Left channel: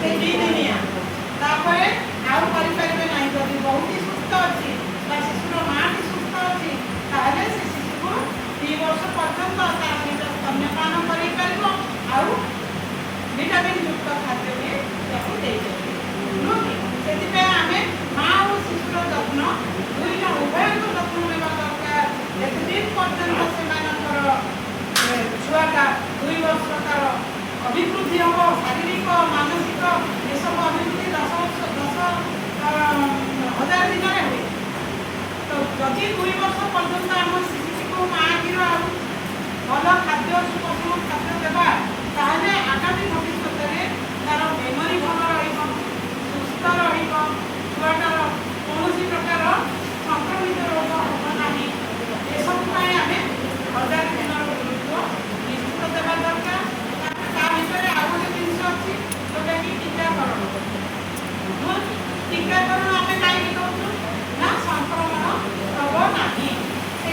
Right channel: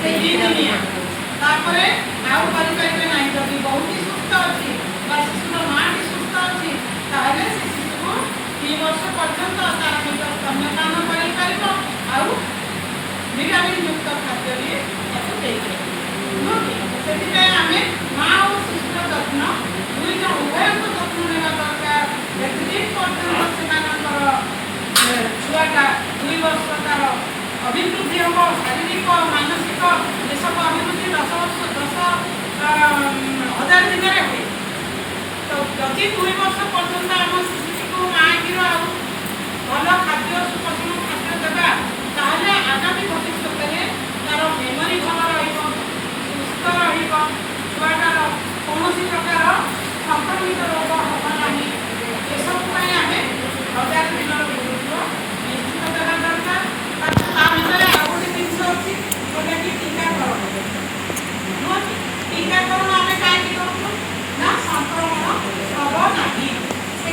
से 2 दिनिया तापरे आउ करि परिबे नाही जदि बहुत ही सुस्थ अछि बा शिशुर मां की सुस्थ अछि ताले से शिशु को 3 वर्ष पर्यंत तार पेट स्तन्यपान करि परिबो आउ विटामिन युक्त खाद्य भी ताको देई परिबो सेति पे आमे मां और शिशुर जत्न दुईटा उभय को जत्न नेबा दरकार एतदिन पर्यंत सेमानकर छुआटा 2 वर्ष तार अभिवृद्धि हम शारीरिक मानसिक ये सब अभिवृद्धि 10 हजार दिन हुए तो जदि 2 वर्ष पर्यंत आम शिशु को माँ क्षीर भल खाद्य सुपोषण